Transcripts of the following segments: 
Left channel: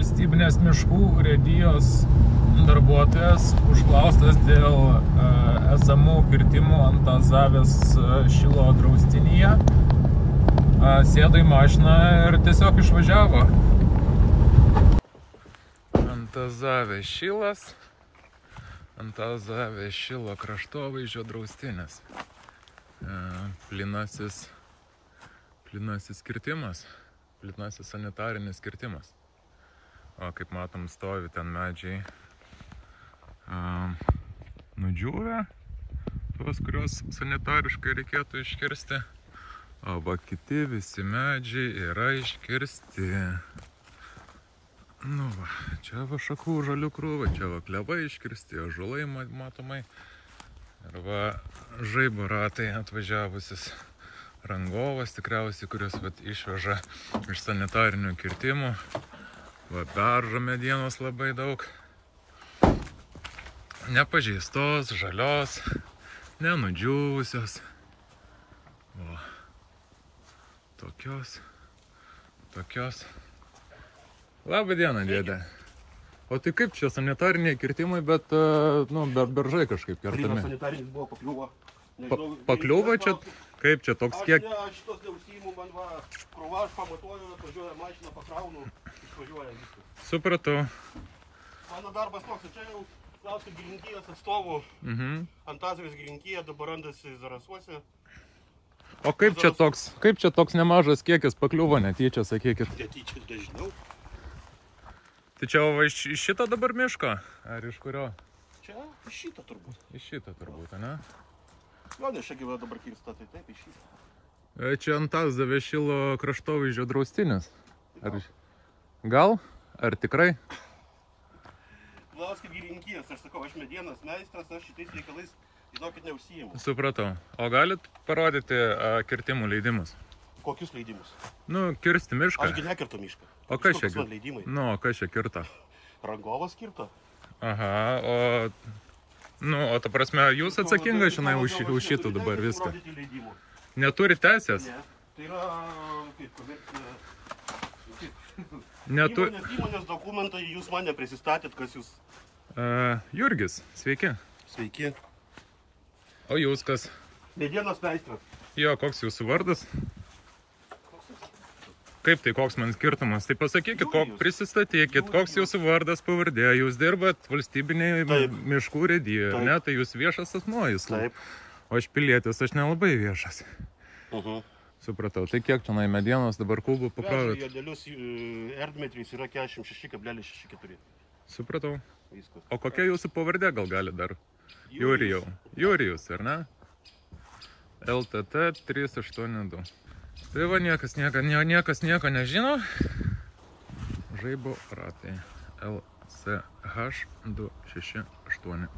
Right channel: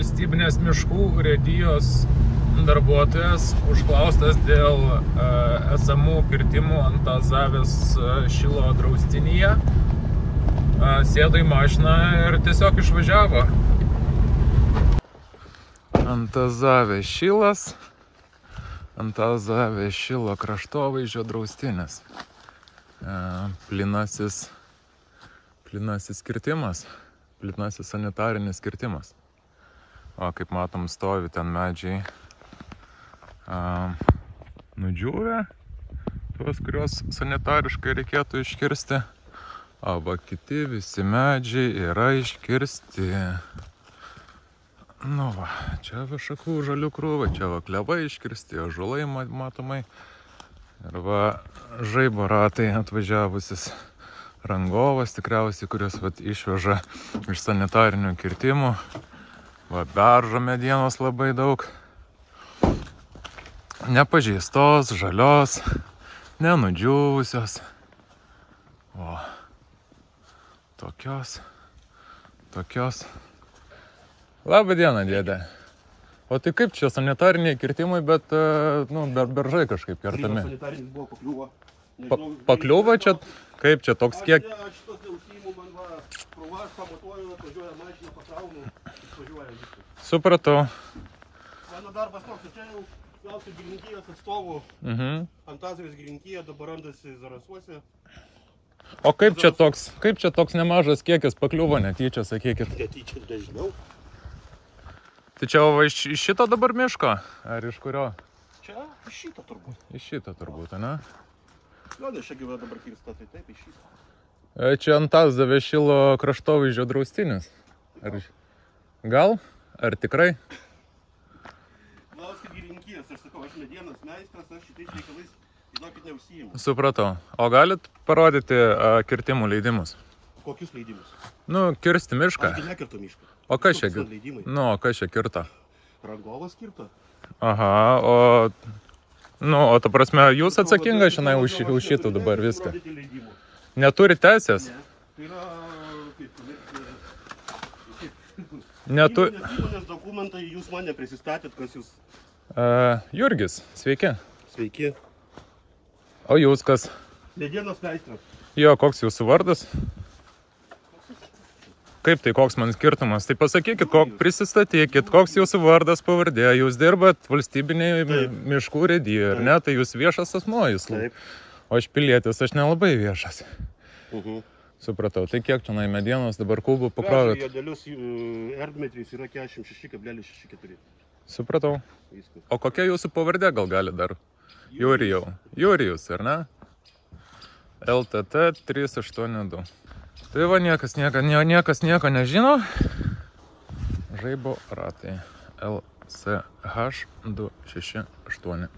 valstybinės miškų urėdijos darbuotojas užklaustas dėl esamų kirtimų Antazavės šilo draustinyje. Sėdo į mašiną ir tiesiog išvažiavo. Antazavės šilas. Antazavės šilo kraštovaizdžio draustinis. Plinasis kirtimas. Plinasis sanitarinis kirtimas. O kaip matom, stovi ten medžiai nudžiūvę, tuos, kuriuos sanitariškai reikėtų iškirsti. O kiti visi medžiai yra iškirsti. Nu va, čia va šakų žalių krūva, čia va klevai iškirsti, ąžuolai matomai. Ir va žaibo ratai atvažiavusis rangovas tikriausiai, kuris va išveža iš sanitarinių kirtimų. Va beržo medienos labai daug. Nepažeistos, žalios, nenudžiūvusios. O tokios. Labą dieną, dėdė. O tai kaip čia sanitariniai kirtimai, bet beržai kažkaip kertami. Sanitarinis buvo pakliuvo. Pakliuvo čia? Kaip čia toks kiek? Aš šitos neužsiimu, man va, krūva, aš pamatuoju, atvažiuoja mašiną, pakraunu, išvažiuoja viskas. Supratau. Mano darbas toks, čia jau klausiu gilinkijos atstovų. Antazavės gilinkija dabar randasi Zarasuose. O kaip čia toks nemažas kiekis pakliuvo netyčia, sakykit? Netyčia dažniau. Tai čia iš šito dabar miško? Ar iš kurio? Čia iš šito turbūt. Iš šito turbūt, ne? Gal ne čia gyva dabar kirsta, tai taip iš šito. Čia Antazavės šilo kraštovaizdžio draustinis. Gal? Ar tikrai? Klauskit gilinkijas, aš sakau, aš medienos meistras, aš šitais reikalais, žinokit, neužsiimu. Supratau. O galit parodyti kirtimų leidimus? Kokius leidimus? Kirsti mišką. Ašgi nekirto mišką. O kas čia? Leidimai. Kas čia kirto? Rangovas kirto. Aha, o ta prasme, jūs atsakingas šiandien už šitą dabar viską. Neturi teisės? Ne, tai yra kaip įmonės dokumentai, jūs mane prisistatėt, kas jūs? Jurgis, sveiki. Sveiki. O jūs kas? Medienos meistras. Jo, koks jūsų vardas? Kaip tai, koks man skirtumas? Tai pasakykit, prisistatykit, koks jūsų vardas, pavardė, jūs dirbat valstybiniai miškų urėdijoje, ar ne? Tai jūs viešas asmuo, jūs. Taip. O aš pilietis, aš nelabai viešas. Supratau, tai kiek čia medienos dabar kubų pakrovėt? Juodelius erdmetris yra 46,64. Supratau. Viskas. O kokia jūsų pavardė gal gali dar? Jurijus, ar ne? LTT 382. Tai va, niekas nieko nežino. Žaibo ratai. LCH 268.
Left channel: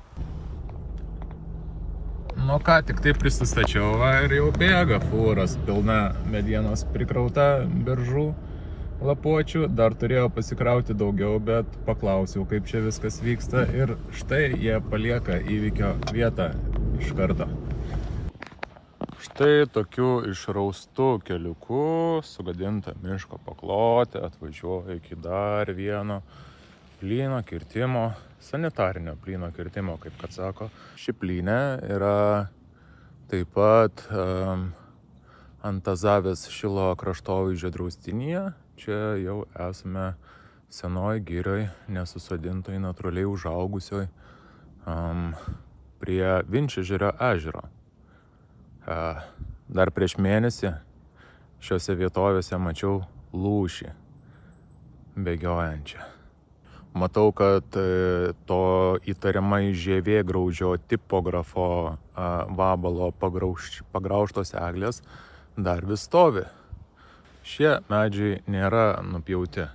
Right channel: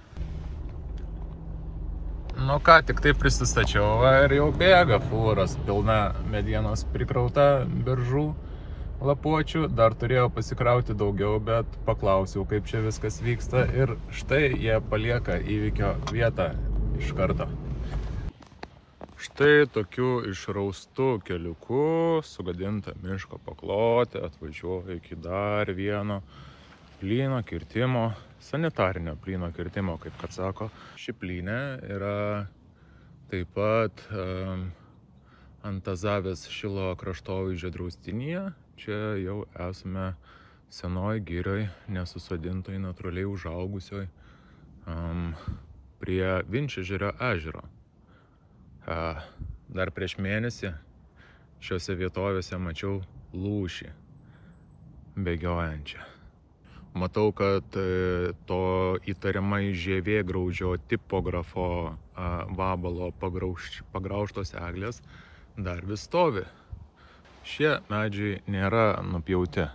Ką tik tai prisistačiau, ir jau bėga fūros pilna medienos prikrauta beržų lapuočių. Dar turėjau pasikrauti daugiau, bet paklausiau, kaip čia viskas vyksta. Ir štai jie palieka įvykio vietą iš karto. Štai tokiu išraustu keliuku, sugadinta miško paklotė, atvažiuoja iki dar vieno plyno kirtimo, sanitarinio plyno kirtimo, kaip kad sako. Ši plynė yra taip pat Antazavės šilo kraštovaizdžio draustinyje. Čia jau esame senoj girioj, nesusodintoj, natūraliai užaugusioj prie Vinčežerio ežero. Dar prieš mėnesį šiose vietovėse mačiau lūšį bėgiojančią. Matau, kad to įtariamai žievėgraužio tipografo vabalo pagraužtos eglės dar vis stovi. Šie medžiai nėra nupjauti.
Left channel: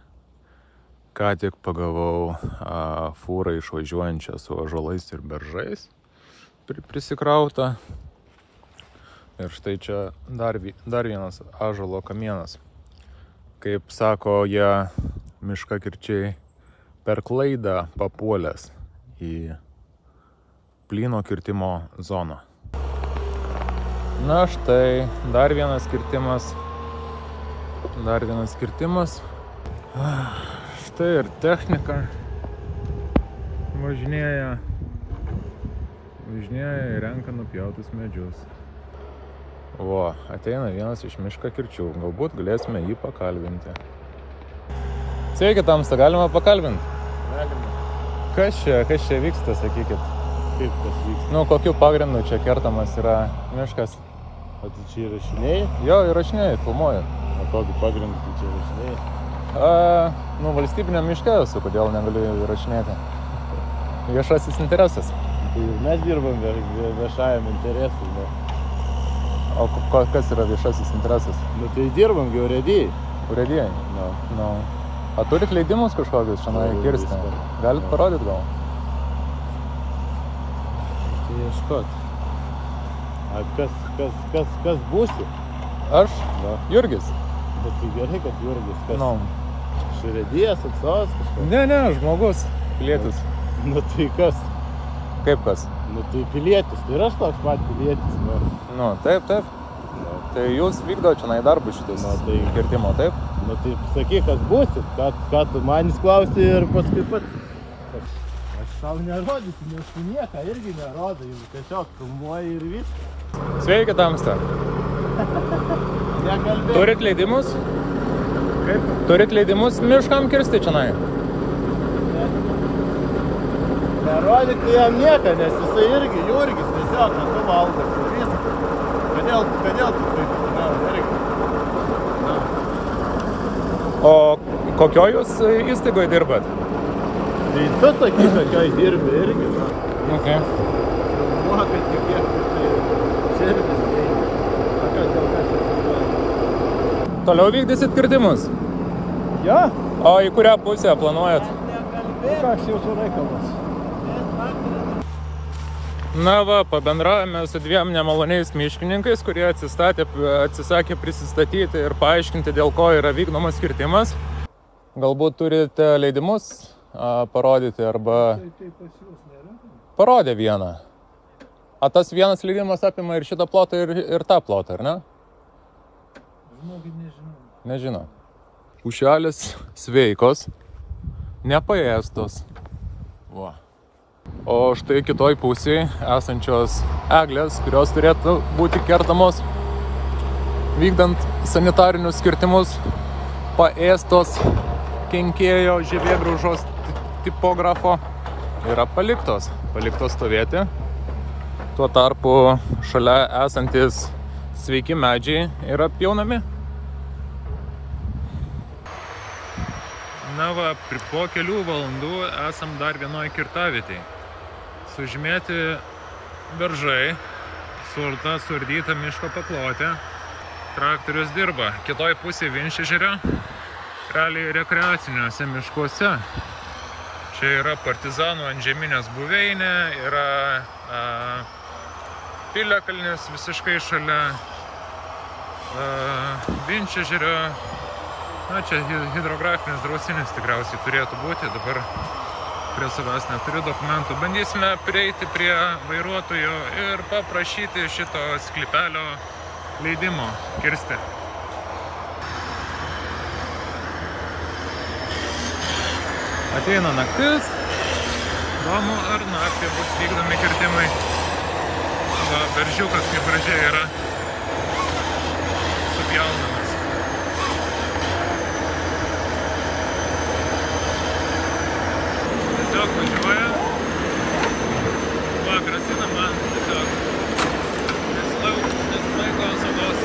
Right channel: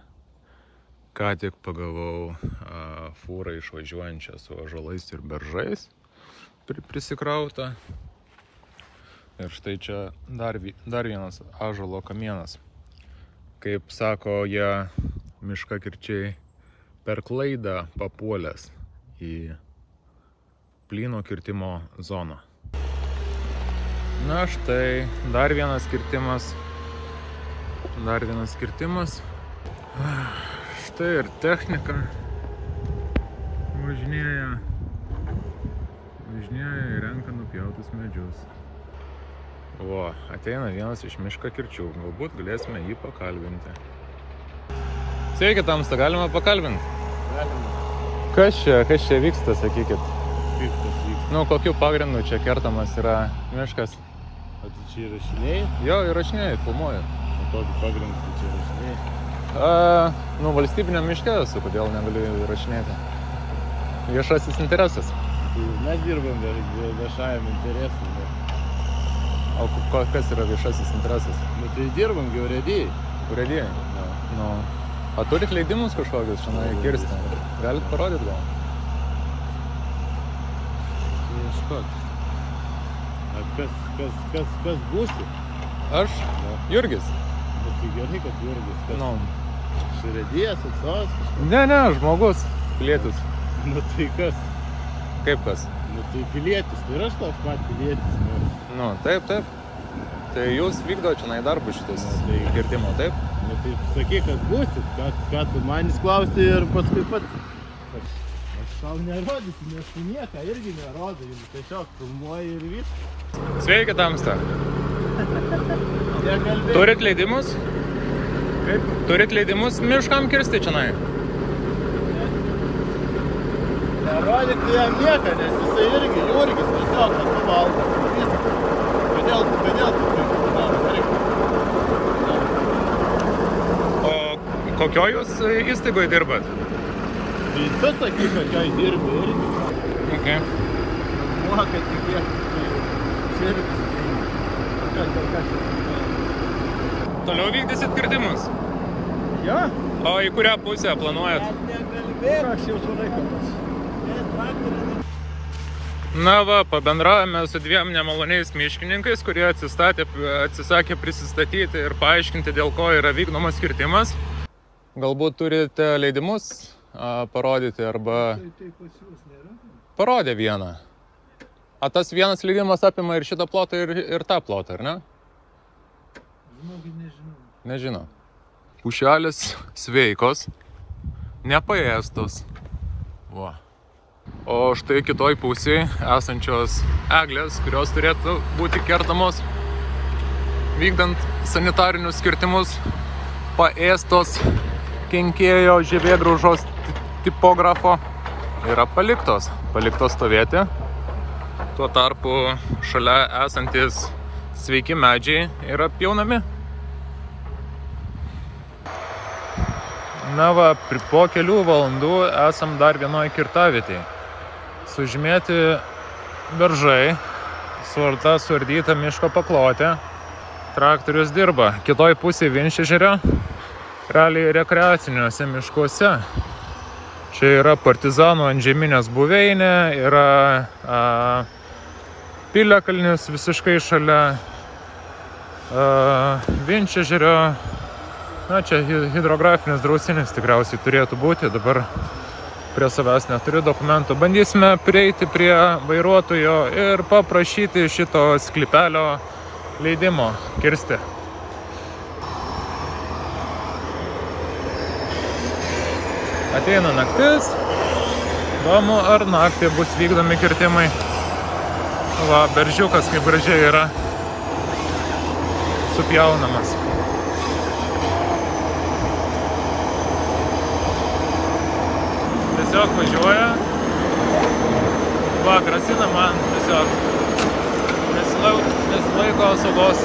Ką tik pagavau fūrą išvažiuojančią su ąžuolais ir beržais prisikrauta. Ir štai čia dar vienas ąžuolo kamienas. Kaip sako jie miškakirčiai, per klaidą papuolęs į plyno kirtimo zoną. Na štai, dar vienas kirtimas. Štai ir technika važinėja ir renka nupjautus medžius. O, ateina vienas iš miško kirčių. Galbūt galėsime jį pakalbinti. Sveiki, tamsta, galima pakalbinti? Galima. Kas čia vyksta, sakykit? Kaip tas vyksta? Nu, kokiu pagrindu čia kertamas yra miškas? O tu čia įrašinėjai? Jo, įrašinėjai, filmuoju. O kokį pagrindą tu čia įrašinėjai? Nu, valstybinio miške esu, kodėl negaliu įrašinėti. Viešasis interesas. Tai mes dirbam viešajam interesui. Ne? O kas yra viešasis interesas? Nu tai dirbam urėdijai. Urėdijai? Nu. A turit leidimus kažkokius čia kirsti? Galit parodyt gal? Tai ieškot. A kas būsi? Aš? No. Jurgis. Bet tai gerai, kad Jurgis. Kas? Nu. Iš urėdijos atstovas kažkas? Ne, žmogus. Pilietis. Nu tai kas? Kaip kas? Nu tai pilietis. Tai ir aš toks pat pilietis. Nu, taip. No. Tai jūs vykdote čia darbus šitus kirtimo, taip? Nu tai sakyk, kas būsit, ką tu manis klausi ir paskui pats. Aš tau nerodysiu, nes tu nieką irgi nerodai, tiesiog filmuoji ir viskas. Sveiki, tamsta. Turit leidimus? Kaip? Turit leidimus miškam kirsti čia? Nerodyti jam nieką, nes jisai irgi Jurgis, tiesiog, kad tu valdas ir viskas. Kodėl tu taip, irgi. O kokioj jūs įstaigoje dirbat? Tai tu sakyk, kokioj dirbi irgi, Okay. Filmuoja, kad tikėk, tai širdis dengia. Dėl ką čia filmuoja? Toliau vykdysit kirtimus? Ja? O į kurią pusę planuojat? Koks jau tu reikalas? Na va, pabendravome su dviem nemaloniais miškininkais, kurie atsisakė prisistatyti ir paaiškinti, dėl ko yra vykdomas kirtimas. Galbūt turite leidimus parodyti arba... Tai pas jūs nėra? Parodė vieną. A tas vienas leidimas apima ir šitą plotą ir tą plotą, ar ne? Žinokit, nežinau. Nežinau. Pušelės sveikos, nepaėstos. Va. O štai kitoj pusėje esančios eglės, kurios turėtų būti kertamos vykdant sanitarinius kirtimus, paėstos kenkėjo žievėgraužos tipografo, yra paliktos stovėti. Tuo tarpu šalia esantis sveiki medžiai yra pjaunami. Na va, po kelių valandų esam dar vienoje kirtavietėje. Sužymėti beržai, suardyta miško paklotė. Traktorius dirba. Kitoj pusėje Vinčežerio, realiai rekreaciniuose miškuose. Čia yra partizanų antžeminės buveinė, yra Piliakalnis visiškai šalia Vinčežerio. Na, čia hidrografinis draustinis tikriausiai turėtų būti, dabar prie savęs neturiu dokumentų. Bandysime prieiti prie vairuotojo ir paprašyti šito sklypelio leidimo kirsti. Ateina naktis. Įdomu, ar naktį bus vykdomi kirtimai. Va, beržiukas kaip gražiai yra supjaunamas. Tiesiog važiuoja. Va, grasina man tiesiog. Nesilaiko saugos.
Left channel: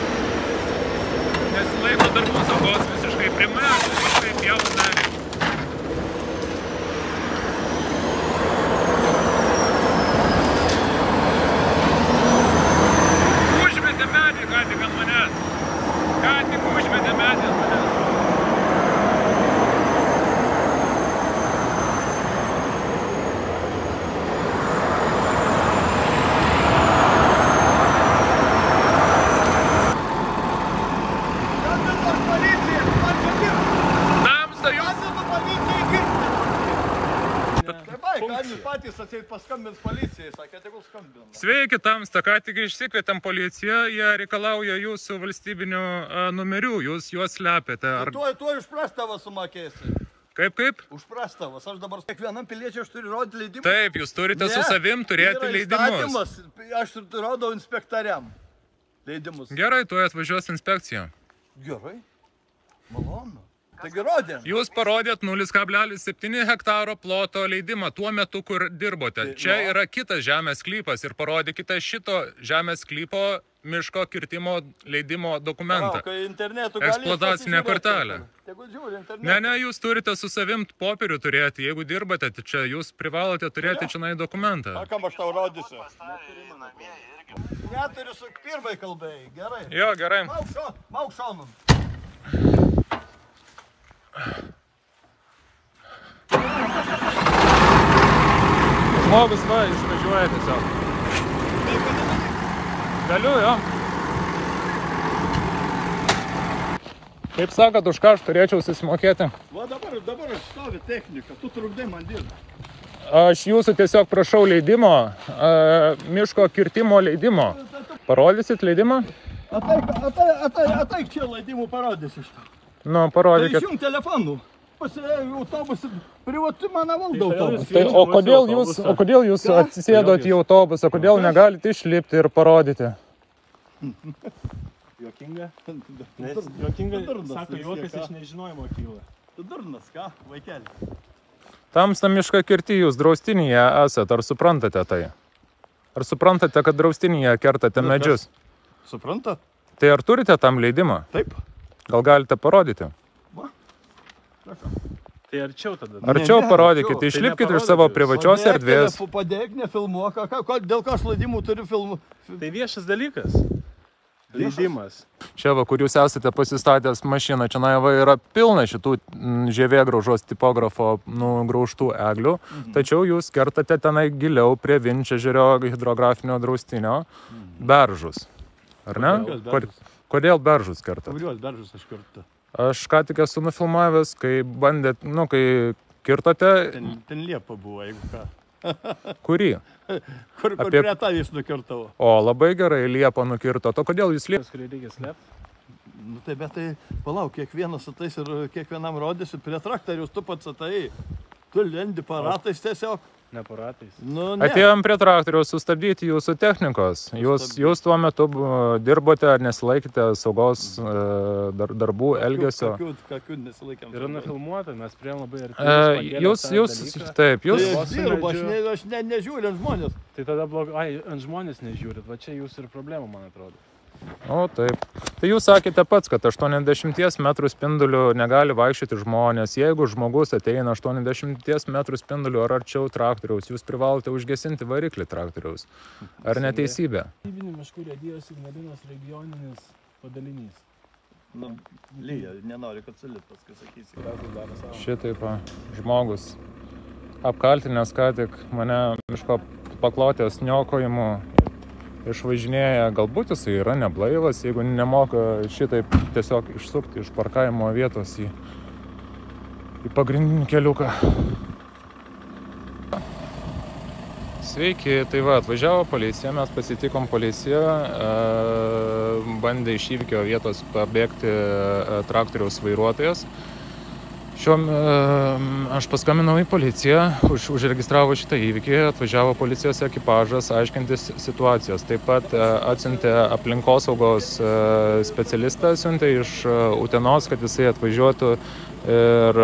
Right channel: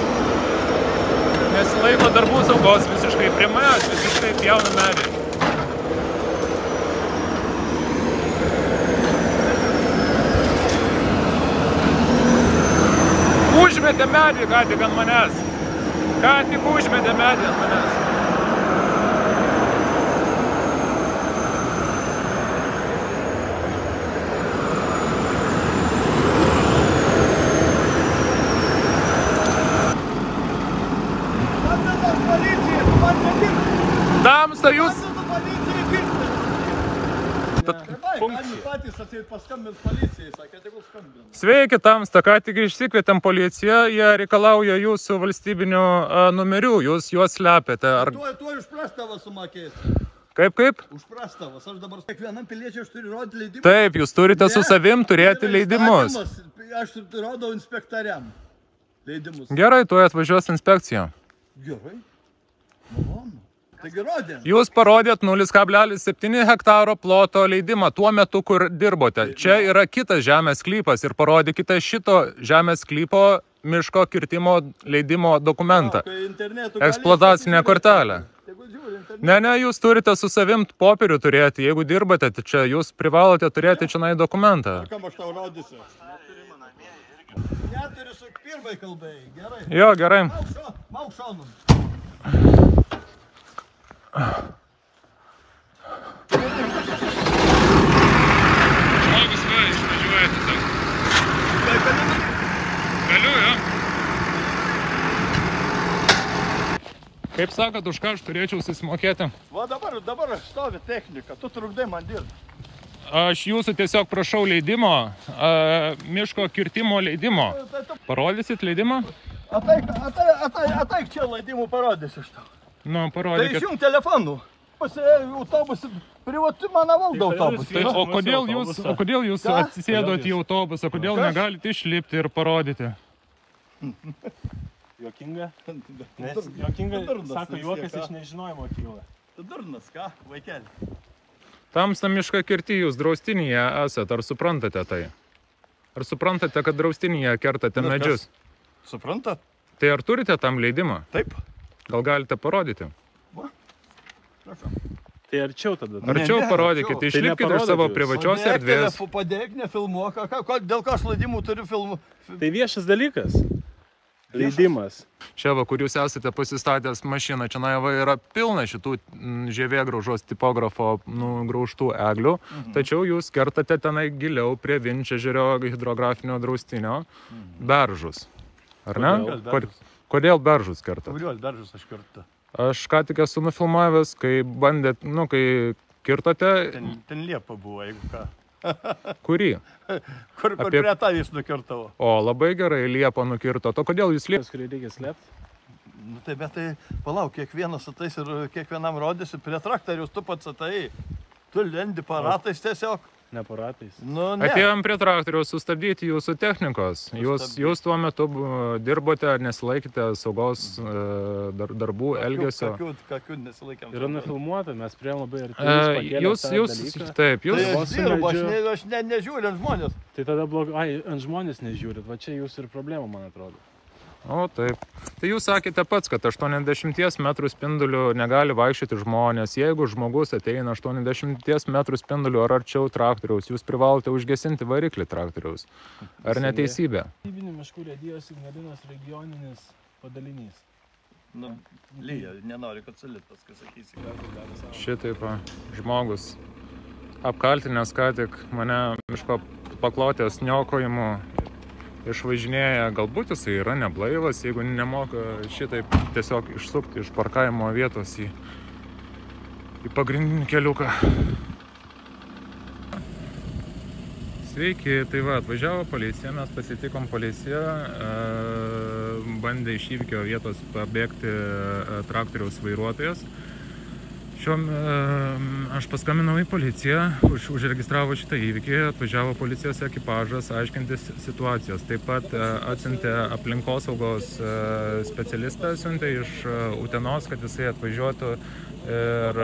Nesilaiko darbų saugos visiškai. Prie manęs visiškai pjauna medį. Užmetė medį ką tik ant manęs. Ką tik užmetė medį ant manęs. Patys atseit paskambins policijai, sakė, tegul skambina. Sveiki, tamsta, ką tik išsikvietėm policiją, jie reikalauja jūsų valstybinių numerių, jūs juos slepiate. Tuo išpras tavo sumokėsi. Kaip? Už prastovas. Aš dabar kiekvienam piliečiui aš turiu rodyti leidimą. Taip, jūs turite su savim turėti leidimus. Aš rodau inspektoriam leidimus. Gerai, tuoj atvažiuos inspekcija. Gerai. Malonu. Taigi rodė. Jūs parodėt 0,7 hektaro ploto leidimą tuo metu, kur dirbote. Čia yra kitas žemės sklypas ir parodykite šito žemės sklypo miško kirtimo leidimo dokumentą. Eksploatacinę kortelę. Ne, jūs turite su savim popierių turėti. Jeigu dirbate čia, jūs privalote turėti čionai dokumentą. Kam aš tau rodysiu? Neturiu su pirmai kalbai. Gerai. Jo, gerai. Mauk šonum. Žmogus va, išvažiuoja tiesiog. Galiu, jo. Kaip sakot, už ką aš turėčiau susimokėti? Va dabar aš stovi technika, tu trukdai man dirbti. Aš jūsų tiesiog prašau leidimo, miško kirtimo leidimo. Parodysit leidimą? Ataik čia leidimų parodysiu iš to. Nu, parodykit. Tai išjung telefonų. Pasirėjau autobusą, privatu mano valdo autobusą. Tai, o kodėl jūs atsisėdot į autobusą, kodėl negalite išlipti ir parodyti? Juokinga? Juokinga, sako, juokas iš nežinojimo kyla. Tu durnas, ką, vaikeli? Tamsta mišką kirti jūs draustinyje esat, ar suprantate tai? Ar suprantate, kad draustinyje kertate medžius? Suprantat? Tai ar turite tam leidimą? Taip. Gal galite parodyti? Va, prašau. Tai arčiau tada. Arčiau parodykite, išlipkite iš savo privačios erdvės. Padėk, nefilmuok, dėl ką aš leidimų turiu filmų. Tai viešas dalykas. Leidimas. Čia va, kur jūs esate pasistatęs mašiną, čia yra pilna šitų žievėgraužos tipografo graužtų eglių, tačiau jūs kertate tenai giliau prie Vinčežerio hidrografinio draustinio beržus. Ar ne? Kodėl beržus kertat? Kuriuos beržus aš kertu? Aš ką tik esu nufilmavęs, kai bandėt, kai kirtote... Ten liepa buvo, jeigu ką. Kurį? Kur prie tavys nukirtavo. O, labai gerai, liepą nukirto. To kodėl jūs liepą? Kurį reikia slėpti? Nu tai, bet tai, palauk, kiekvienas atais ir kiekvienam rodysi, prie traktorius tu pats atai. Tu lendi paratais tiesiog. Ne paratais. Nu, ne. Atėjom prie traktoriaus sustabdyti jūsų technikos. Jūs tuo metu dirbote ar nesilaikėte saugos darbų, elgesio? Kokių nesilaikėm. Yra nufilmuota, mes prie labai arti. Taip, Tai aš dirbu, aš nežiūriu ant žmonės. Tai tada blogai, ant žmonės nežiūrit, va čia jūsų ir problema, man atrodo. O, taip. Tai jūs sakėte pats, kad 80 metrų spinduliu negali vaikščioti žmonės. Jeigu žmogus ateina 80 metrų spinduliu ar arčiau traktoriaus, jūs privalote užgesinti variklį traktoriaus. Ar neteisybė? Valstybinių miškų urėdijos Ignalinos regioninis padalinys. Nu, lyja, nenori, kad sulit paskui sakysi. Šitaip, žmogus apkaltinęs ką tik mane miško paklotės niokojimu išvažinėja, galbūt jisai yra neblaivas, jeigu nemoka šitaip tiesiog išsukti iš parkavimo vietos į pagrindinį keliuką. Sveiki, tai va, atvažiavo policija, mes pasitikom policiją, bandė iš įvykio vietos pabėgti traktoriaus vairuotojas. Aš paskambinau į policiją, užregistravo šitą įvykį, atvažiavo policijos ekipažas aiškintis situacijos. Taip pat atsiuntė aplinkosaugos specialistą, atsiuntė iš Utenos, kad jisai atvažiuotų ir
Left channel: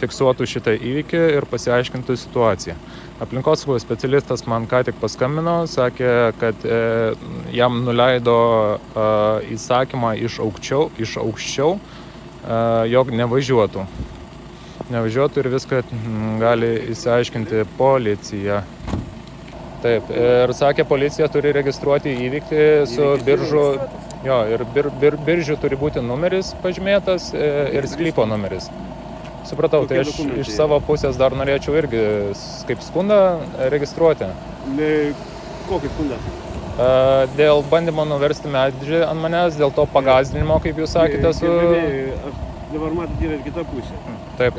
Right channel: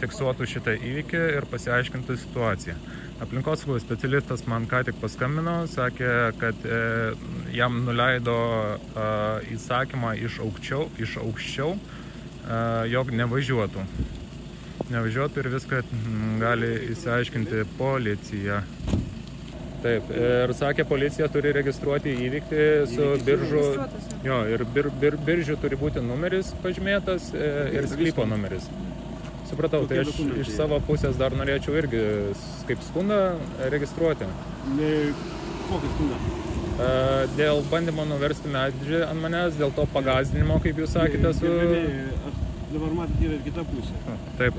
fiksuotų šitą įvykį ir pasiaiškintų situaciją. Aplinkosaugos specialistas man ką tik paskambino, sakė, kad jam nuleido įsakymą iš aukščiau, jog nevažiuotų ir viską gali įsiaiškinti policija. Taip, ir sakė, policija turi registruoti įvykį su biržu, jo, ir biržų turi būti numeris pažymėtas ir sklypo numeris. Supratau, tai aš iš savo pusės dar norėčiau irgi kaip skundą registruoti. Kokį skundą? Dėl bandymo nuversti medžį ant manęs, dėl to pagąsdinimo, kaip jūs sakėte, su... Dabar matyti yra ir kita pusė. Taip.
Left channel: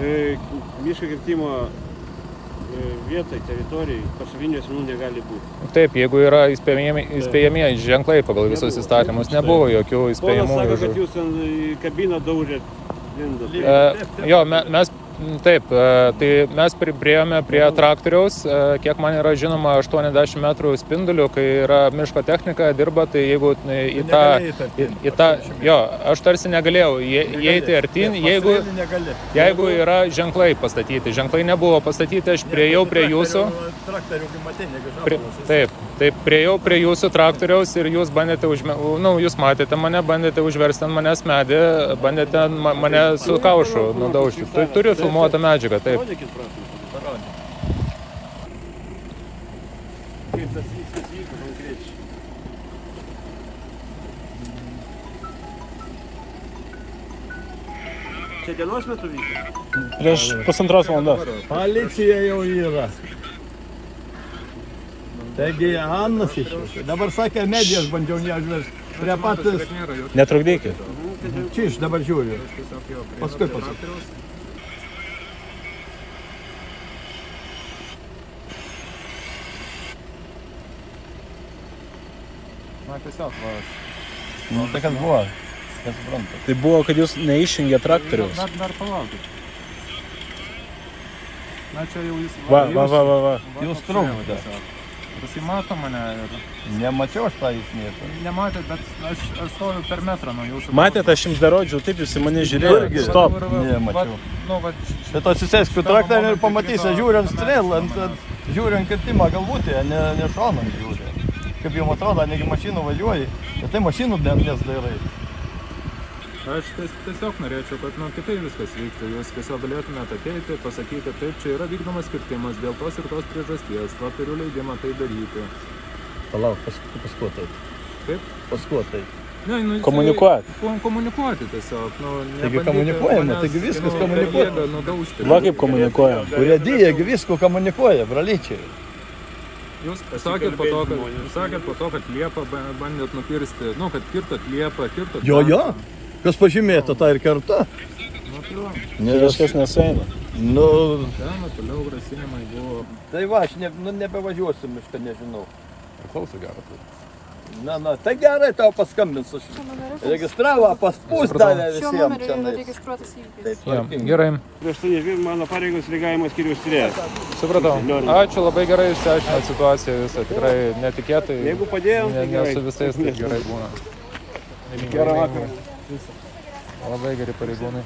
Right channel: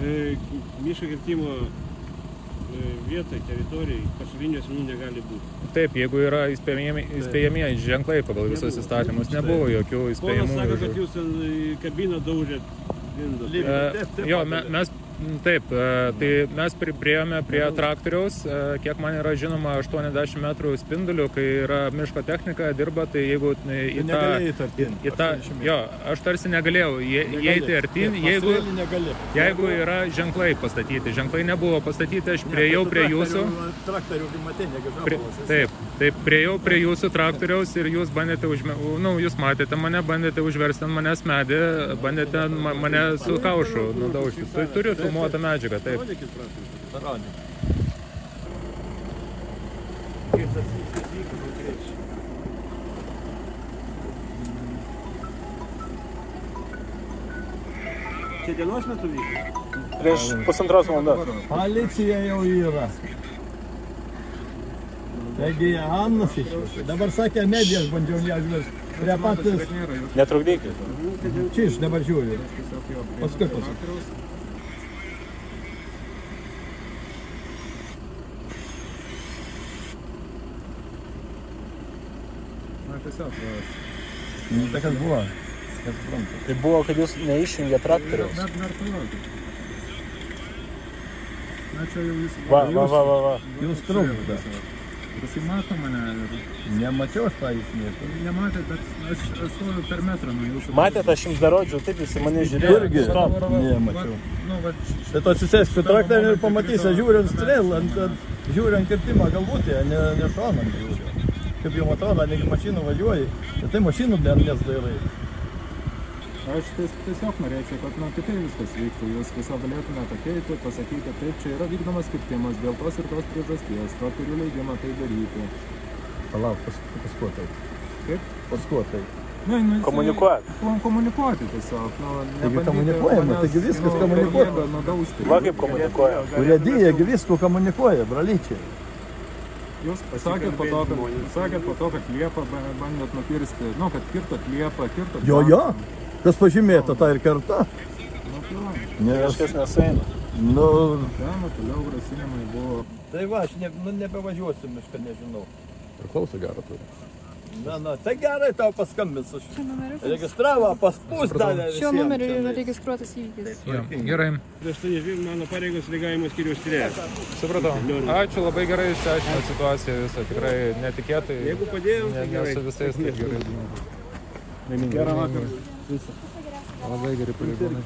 Miško kirtimo vietai, teritorijai, pasaulinių asmenų negali būti. Taip, jeigu yra įspėjamieji ženklai pagal visus įstatymus, nebuvo jokių įspėjamųjų. Ponas sako, kad jūs ant kabiną daužėt. Jo, mes Taip, tai mes priėjome prie traktoriaus, kiek man yra žinoma, 80 metrų spindulių, kai yra miško technika, dirba, tai jeigu į tą, jo, aš tarsi negalėjau įeiti artin, jeigu yra ženklai pastatyti. Ženklai nebuvo pastatyti, aš priėjau prie jūsų. Taip, priėjau prie jūsų traktoriaus ir jūs bandėte, jūs matėte mane, bandėte užversti ant manęs medį, bandėte mane su kaušu nudaužti. Tai turiu filmuotą medžiagą, taip. Čia kelios metų vyko? Prieš pusantros valandos. Policija jau yra. Taigi Annas išėjo. Dabar sakė, medijas bandžiau neužversti. Prie patys... Netrukdykit. Čia iš dabar žiūriu. Paskui paskui. Nu, tai kas buvo? Tai buvo, kad jūs neišjungė traktorius. Dar palaukit. Na, čia jau jis... Va. Jūs trukdote. Jis mato mane ir... Nemačiau aš tą jūs nieko. Nematėt, bet aš stoju per metrą nuo jūsų. Matėt, aš jums darodžiau, taip jūs į mane žiūrėjote. Stop. Nemačiau. Bet atsisėskų traktorių ir pamatysi, žiūrint strėlą, žiūrint kirtimą galvutėje, ne šonant žiūrint. Kaip jums atrodo, negi mašinų važiuoji, bet tai mašinų nesdairai. Aš tiesiog norėčiau, kad kitaip viskas vyktų. Jūs tiesiog galėtumėte ateiti, pasakyti, taip, čia yra vykdomas kirtimas dėl tos ir tos priežasties, to turiu leidimą tai daryti. Palauk, paskui taip. Kaip? Paskui taip. Komunikuoti tiesiog. Taigi komunikuojama, taigi viskas komunikuoja. Va kaip komunikuoja. Urėdijagi visko komunikuoja, bralyčiai. Jūs sakėt po to, kad liepą bandėt nukirsti, kad kirtot liepą, kirtot... Jo, kas pažymėta, tą ir kerta. Kažkas nesueina. Toliau grasinimai buvo... Tai va, aš nebevažiuosiu, mes ten nežinau. Priklauso gerą turi. Tai gerai tau paskambinsiu. Registravo, paspūstą. Šiuo numeriu registruotas įvykis. Gerai. Prieš tai mano pareigos lygavimo skyrius tyrėjas. Supratau. Ačiū, labai gerai išsiaiškinot situaciją visą, tikrai netikėtai. Jeigu padėjom, tai gerai. Ne su visais taip gerai būna. Gerą vakarą. Labai geri pareigūnai.